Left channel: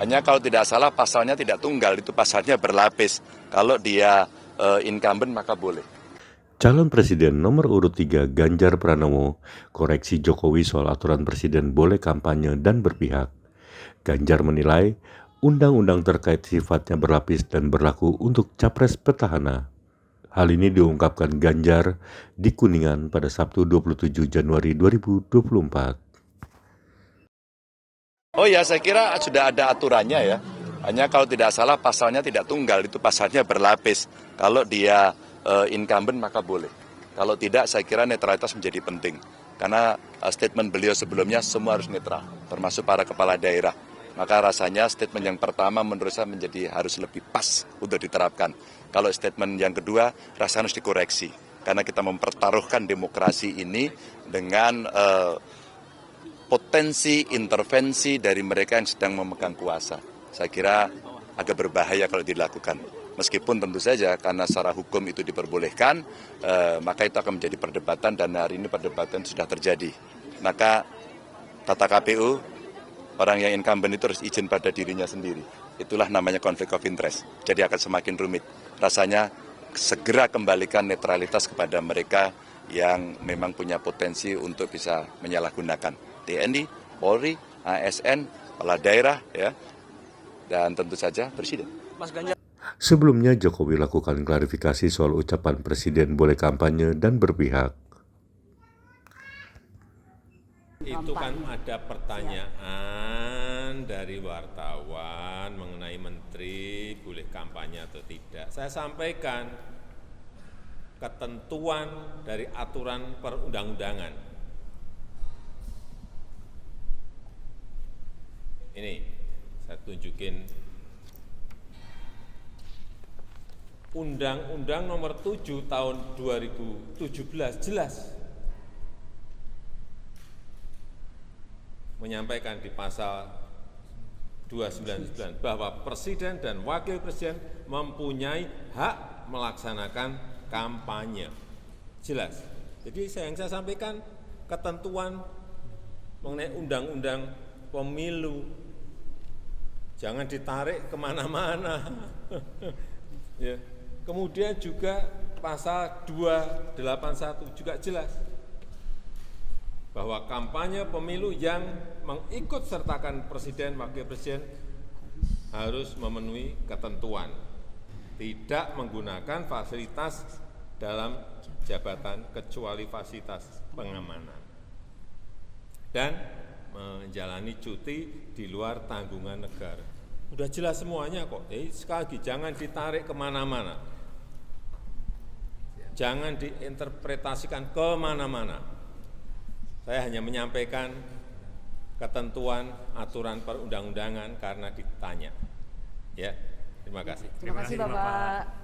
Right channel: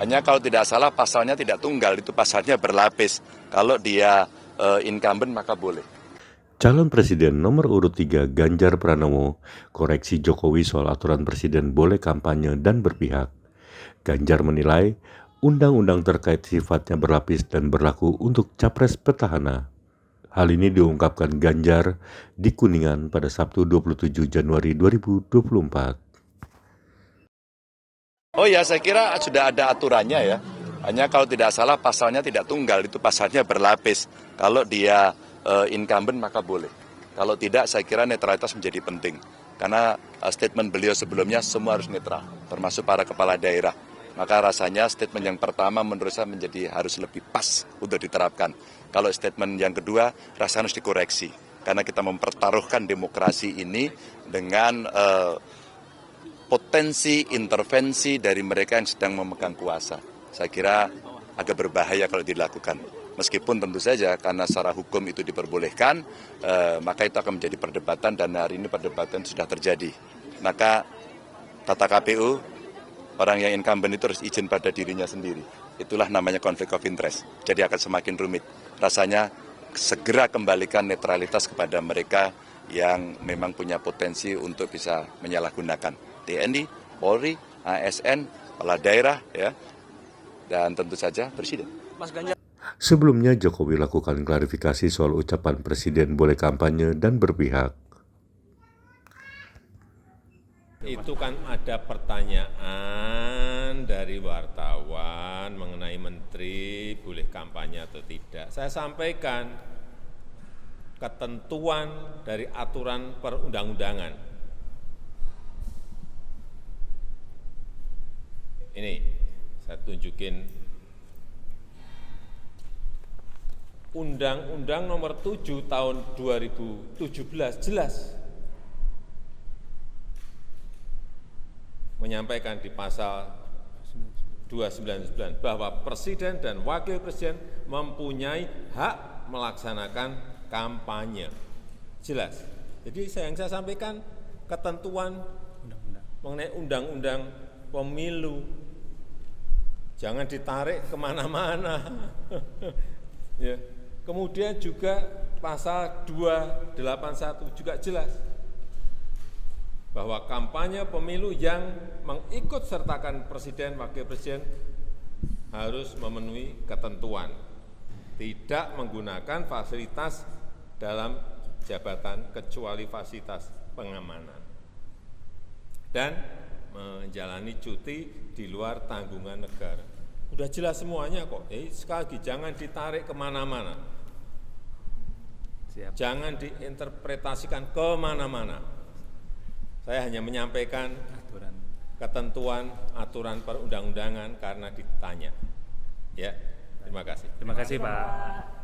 Hanya kalau tidak salah pasalnya tidak tunggal, itu pasalnya berlapis. Kalau dia incumbent maka boleh. Calon Presiden nomor urut 3 Ganjar Pranowo koreksi Jokowi soal aturan presiden boleh kampanye dan berpihak. Ganjar menilai undang-undang terkait sifatnya berlapis dan berlaku untuk capres petahana. Hal ini diungkapkan Ganjar di Kuningan pada Sabtu 27 Januari 2024. Oh ya, saya kira sudah ada aturannya ya. Hanya kalau tidak salah pasalnya tidak tunggal, itu pasalnya berlapis. Kalau dia incumbent maka boleh. Kalau tidak, saya kira netralitas menjadi penting. Karena statement beliau sebelumnya semua harus netral, termasuk para kepala daerah. Maka rasanya statement yang pertama menurut saya harus lebih pas untuk diterapkan. Kalau statement yang kedua, rasanya harus dikoreksi. Karena kita mempertaruhkan demokrasi ini dengan potensi intervensi dari mereka yang sedang memegang kuasa. Saya kira agak berbahaya kalau dilakukan. Meskipun tentu saja karena secara hukum itu diperbolehkan, maka itu akan menjadi perdebatan dan hari ini perdebatan sudah terjadi. Maka kata KPU, orang yang incumbent itu harus izin pada dirinya sendiri. Itulah namanya konflik of interest. Jadi akan semakin rumit. Rasanya segera kembalikan netralitas kepada mereka yang memang punya potensi untuk bisa menyalahgunakan. TNI, Polri, ASN, kepala daerah, ya, dan tentu saja Presiden. Sebelumnya Jokowi lakukan klarifikasi soal ucapan Presiden boleh kampanye dan berpihak. Itu kan ada pertanyaan dari wartawan mengenai menteri boleh kampanye atau tidak. Saya sampaikan ketentuan dari aturan perundang-undangan. Ini saya tunjukin Undang-Undang Nomor 7 Tahun 2017 jelas menyampaikan di pasal 299 bahwa Presiden dan Wakil Presiden mempunyai hak melaksanakan kampanye. Jelas. Jadi yang saya sampaikan ketentuan mengenai undang-undang pemilu. Jangan ditarik kemana-mana. Ya. Kemudian juga pasal 281 juga jelas bahwa kampanye pemilu yang mengikut sertakan Presiden, Wakil Presiden harus memenuhi ketentuan, tidak menggunakan fasilitas dalam jabatan kecuali fasilitas pengamanan, dan menjalani cuti di luar tanggungan negara. Udah jelas semuanya kok. Sekali lagi, jangan ditarik kemana-mana. Jangan diinterpretasikan kemana-mana. Saya hanya menyampaikan ketentuan aturan perundang-undangan karena ditanya. Ya, terima kasih. Terima kasih, Bapak.